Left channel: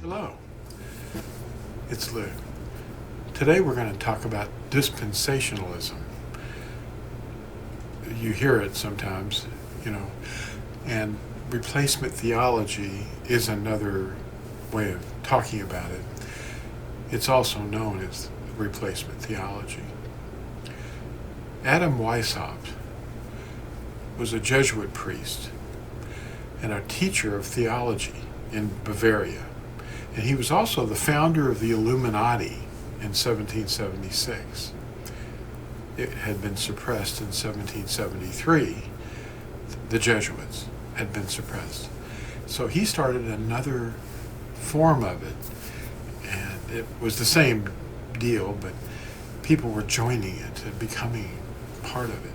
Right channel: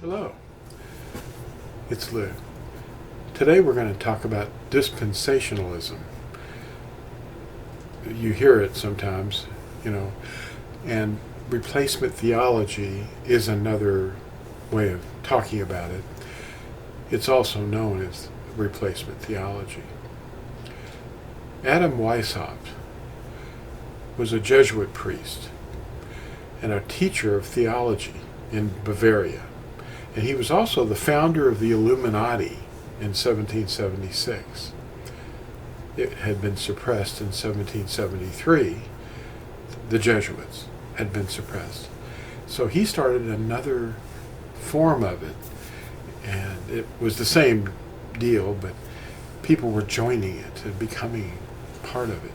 Hello, it's Lou. Today we're going to talk about dispensationalism. You hear it sometimes, and replacement theology is another way of talking about it. It's also known as replacement theology. Adam Weishaupt was a Jesuit priest and a teacher of theology in Bavaria. And he was also the founder of the Illuminati in 1776. It had been suppressed in 1773. The Jesuits had been suppressed. So he started another form of it. And it was the same deal, but people were joining it and becoming part of it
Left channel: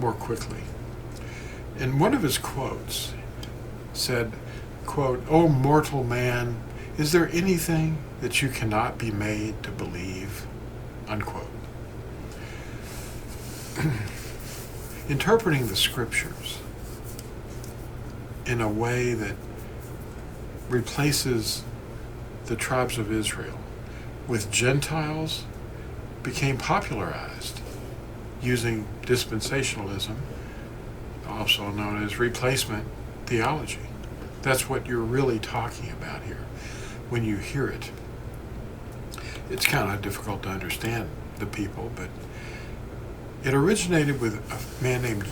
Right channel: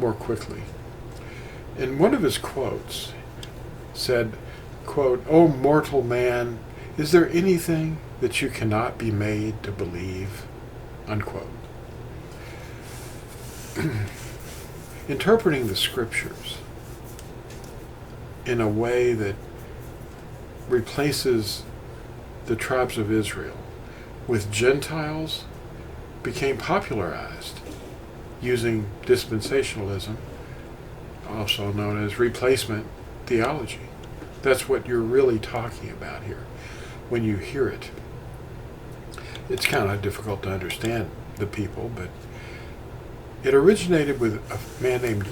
more quickly. And one of his quotes said, quote, "O mortal man, is there anything that you cannot be made to believe?" Unquote. Interpreting the scriptures in a way that replaces the tribes of Israel with Gentiles became popularized using dispensationalism, also known as replacement theology. That's what you're really talking about here when you hear it. It's kind of difficult to understand the people, but it originated with a man named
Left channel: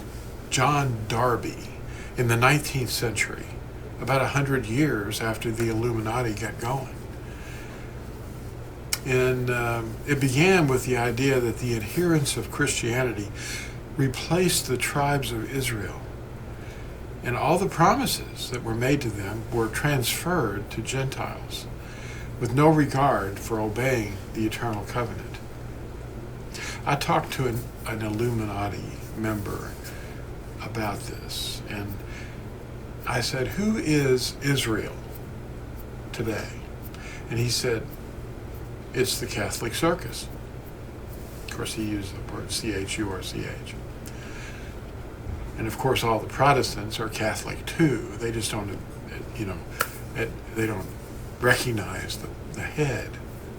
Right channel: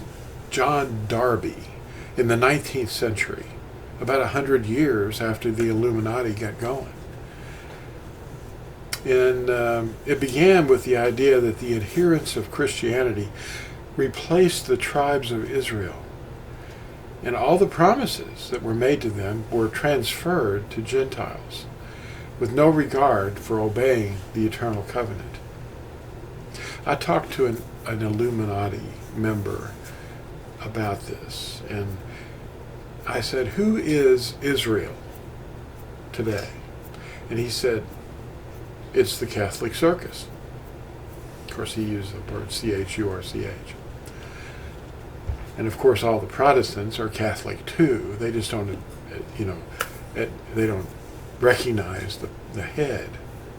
John Darby in the 19th century, about 100 years after the Illuminati got going. And it began with the idea that the adherents of Christianity replaced the tribes of Israel, and all the promises that were made to them were transferred to Gentiles with no regard for obeying the eternal covenant. I talked to an Illuminati member about this, and I said, "Who is Israel today?" And he said, "It's the Catholic Circus." Of course, he used the word C-H-U-R-C-H. And of course, all the Protestants are Catholic too. They just don't, they don't recognize the head,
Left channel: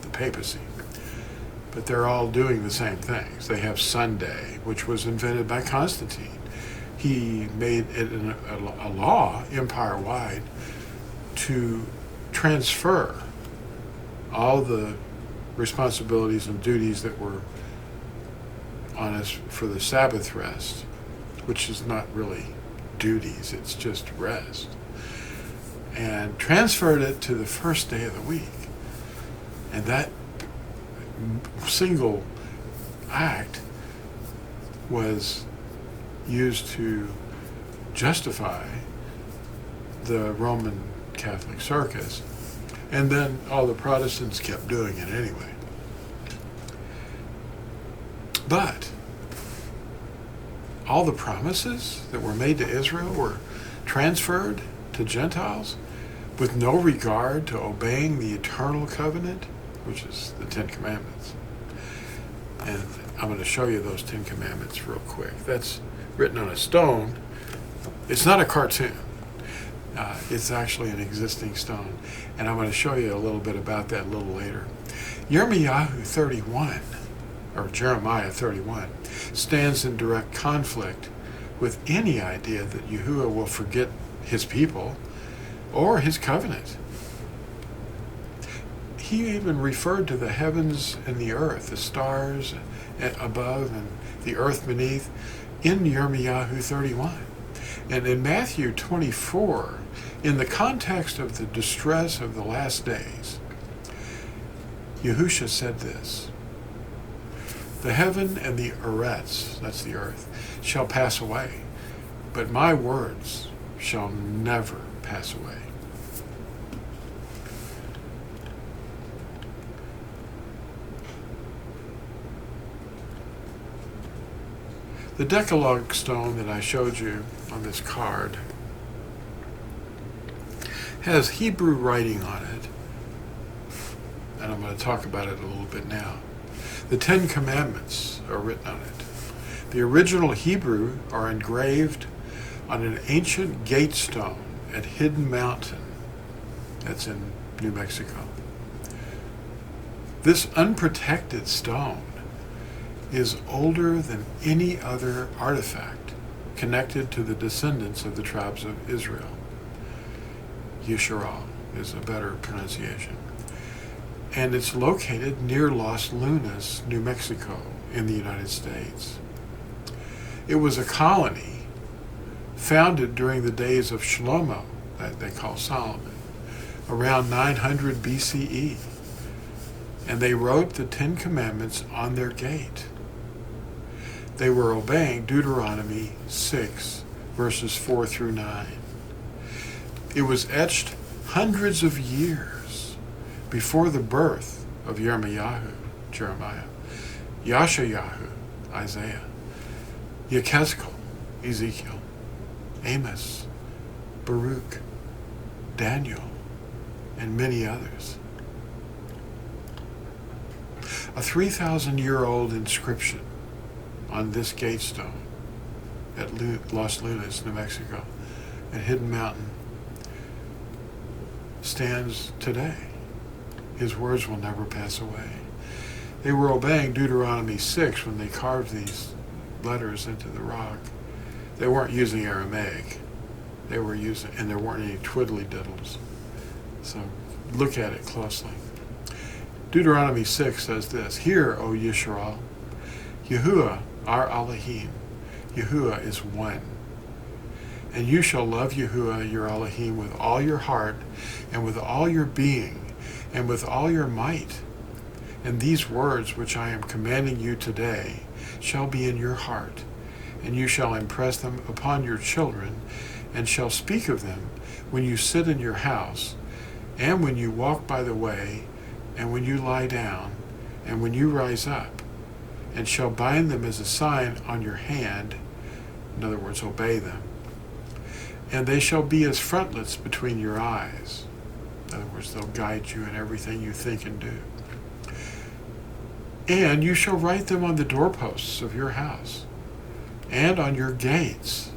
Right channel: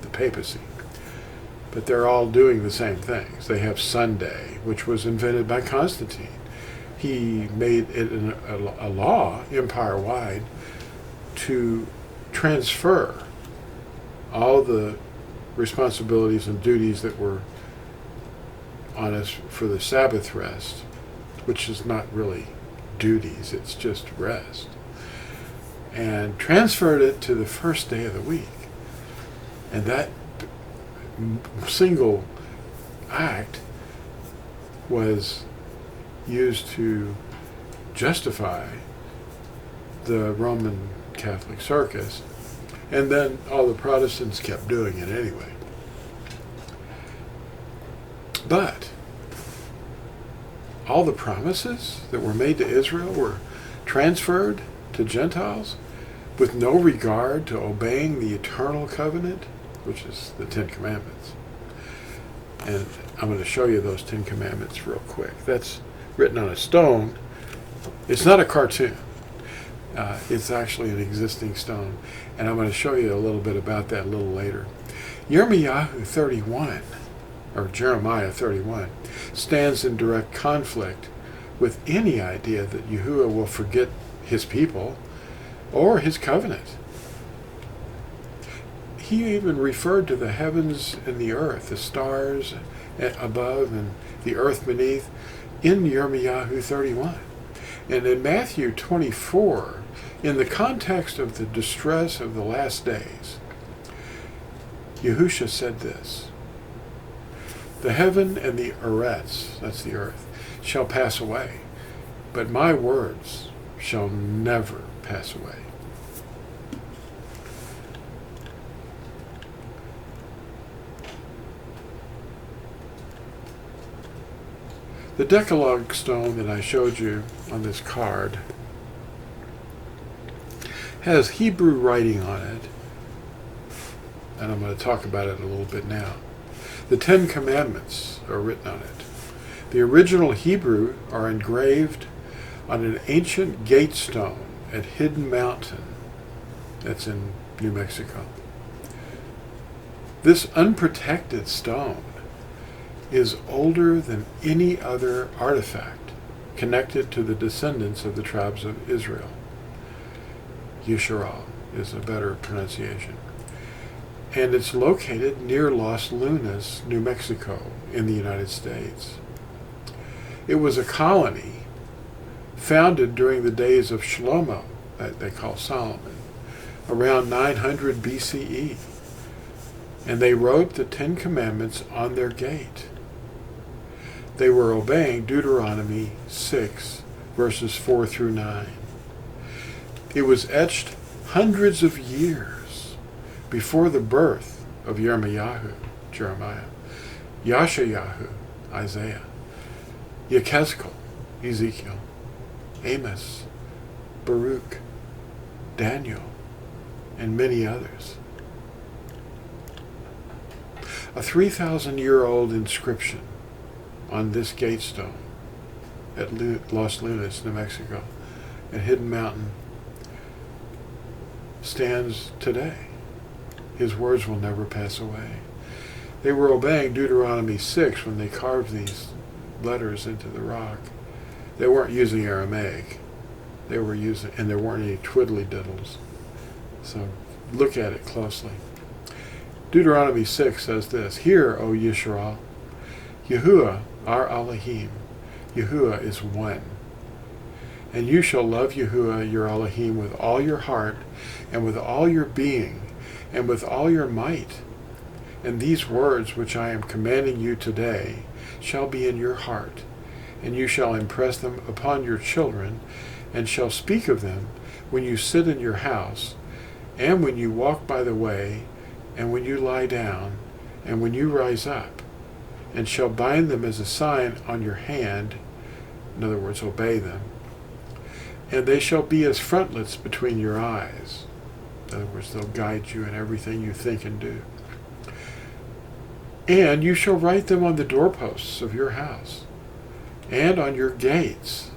the papacy. But they're all doing the same things. They have Sunday, which was invented by Constantine. He made it a law, empire-wide, to transfer all the responsibilities and duties that were on us for the Sabbath rest, which is not really duties, it's just rest, and transferred it to the first day of the week. And that single act was used to justify the Roman Catholic circus, and then all the Protestants kept doing it anyway. But all the promises that were made to Israel were transferred to Gentiles with no regard to obeying the eternal covenant, which is the Ten Commandments. And I'm going to show you those Ten Commandments real quick. That's written on a stone. It's not a cartoon. It's actually an existing stone. And I'm going to show you a little bit about that a little later. Jeremiah 31 stands in direct conflict with any idea that Yahuwah will forget his people or his covenant. He even referred to the heavens and the earth, the stars above and the earth beneath, in Jeremiah 31. And in Matthew 24, in the context of the distress of the last days, Yahushua said this: "The heaven and the eretz," that's the earth, "shall pass away, but my words shall never pass away." The Decalogue stone that I showed you on this card has Hebrew writing on it, and I'm going to talk about it a little bit now. The Ten Commandments are written on it. The original Hebrew are engraved on an ancient gate stone at Hidden Mountain, that's in New Mexico. This unprotected stone is older than any other artifact connected to the descendants of the tribes of Israel. Yisrael is a better pronunciation. And it's located near Los Lunas, New Mexico, in the United States. It was a colony founded during the days of Shlomo, that they call Solomon, around 900 BCE. And they wrote the Ten Commandments on their gate. They were obeying Deuteronomy 6, verses 4 through 9. It was etched hundreds of years before the birth of Jeremiah, Yashayahu, Isaiah, Yechezkel, Ezekiel, Amos, Baruch, Daniel, and many others. A 3,000-year-old inscription on this gate stone at Los Lunas, New Mexico, at Hidden Mountain, stands today. His words will never pass away. They were obeying Deuteronomy 6 when they carved these letters into the rock. They weren't using Aramaic. They were using, and there weren't any twiddly-diddles. So look at it closely. Deuteronomy 6 says this, "Hear, O Yisrael, Yahuwah our Elohim, Yahuwah is one. And you shall love Yahuwah your Elohim with all your heart, and with all your being, and with all your might. And these words which I am commanding you today shall be in your heart, and you shall impress them upon your children, and shall speak of them when you sit in your house, and when you walk by the way, and when you lie down, and when you rise up, and shall bind them as a sign on your hand," in other words, obey them, "and they shall be as frontlets between your eyes." In other words, they'll guide you in everything you think and do. "And you shall write them on the doorposts of your house, and on your gates."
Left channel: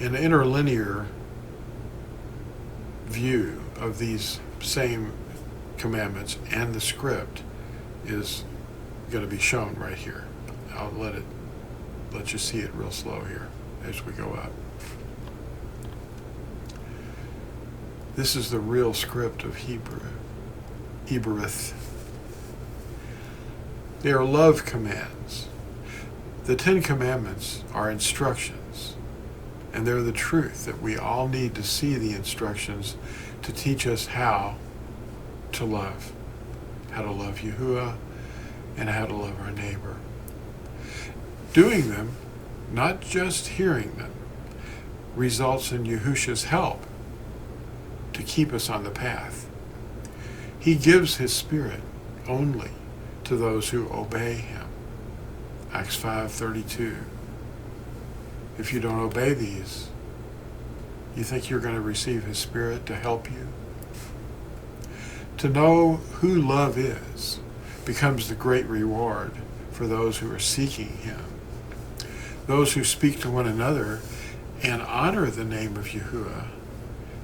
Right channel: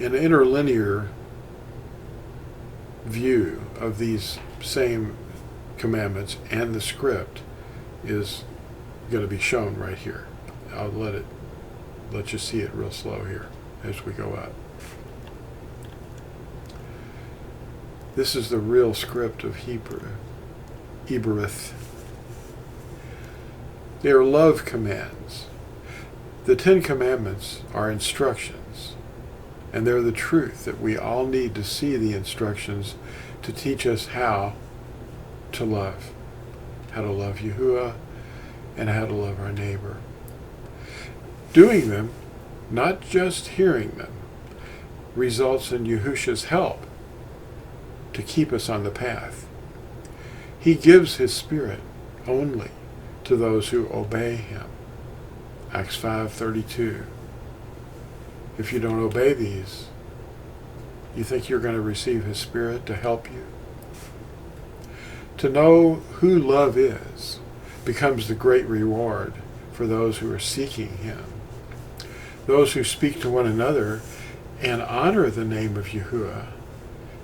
An interlinear view of these same commandments and the script is going to be shown right here. I'll let you see it real slow here as we go up. This is the real script of Hebrew. They are love commands. The Ten Commandments are instructions, and they're the truth that we all need to see the instructions to teach us how to love Yahuwah, and how to love our neighbor. Doing them, not just hearing them, results in Yahushua's help to keep us on the path. He gives his Spirit only to those who obey him. Acts 5:32. If you don't obey these, you think you're going to receive his Spirit to help you? To know who love is becomes the great reward for those who are seeking him. Those who speak to one another and honor the name of Yahuwah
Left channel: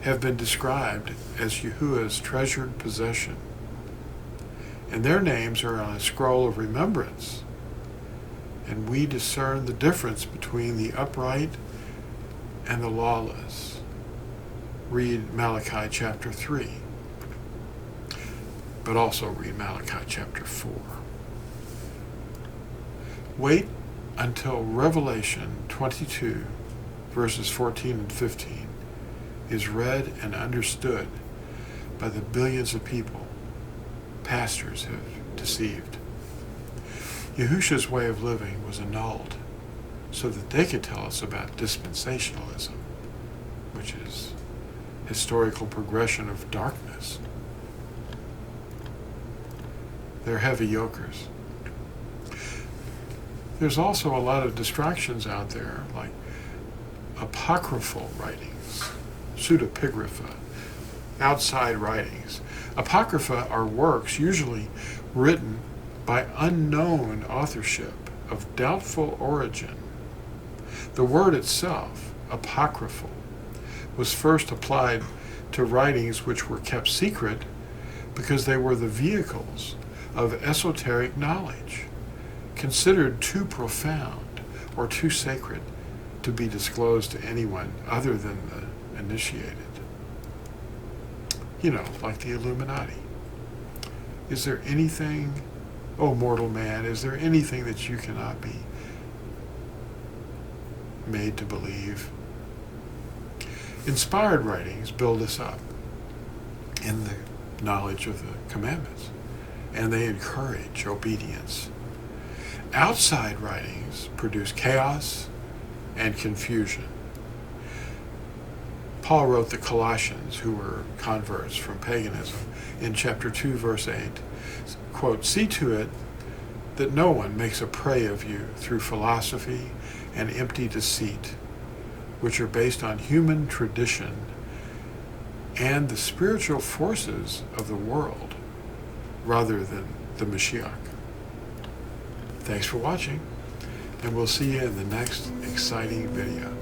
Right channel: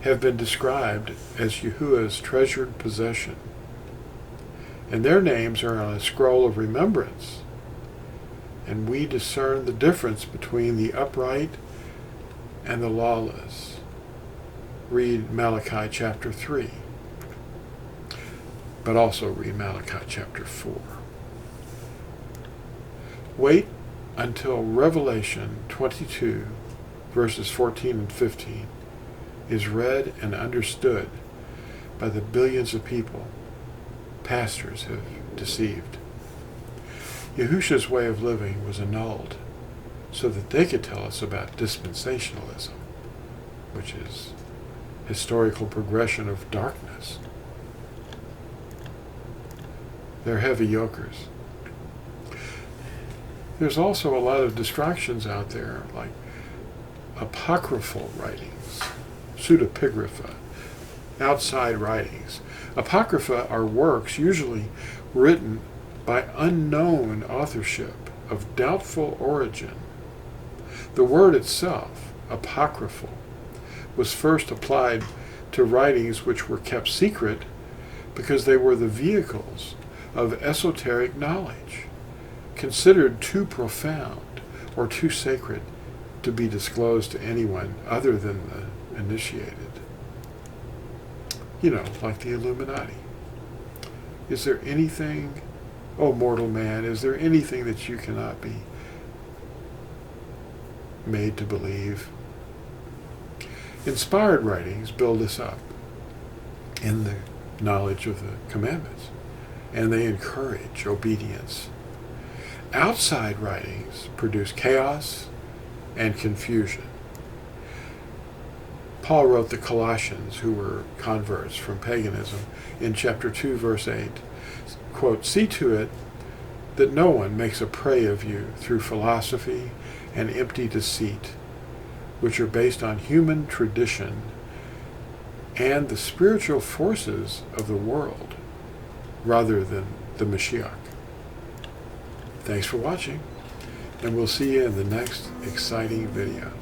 have been described as Yahuwah's treasured possession. And their names are on a scroll of remembrance. And we discern the difference between the upright and the lawless. Read Malachi chapter 3. But also read Malachi chapter 4. Wait until Revelation 22, verses 14 and 15, is read and understood by the billions of people pastors have deceived. Yahushua's way of living was annulled so that they could tell us about dispensationalism, which is historical progression of darkness. They're heavy yokers. There's also a lot of distractions out there, like apocryphal writings, pseudepigrapha, outside writings. Apocrypha are works usually written by unknown authorship of doubtful origin. The word itself, apocryphal, was first applied to writings which were kept secret because they were the vehicles of esoteric knowledge, considered too profound or too sacred to be disclosed to anyone other than the initiated. You know, like the Illuminati. Is there anything, oh mortal man, is there anything that you cannot be made to believe? Inspired writings build us up in the knowledge of the commandments, and they encourage obedience. Outside writings produce chaos and confusion. Paul wrote the Colossians, who were converts from paganism, in chapter 2, verse 8, quote, "See to it that no one makes a prey of you through philosophy and empty deceit, which are based on human tradition and the spiritual forces of the world, rather than the Mashiach." Thanks for watching, and we'll see you in the next exciting video.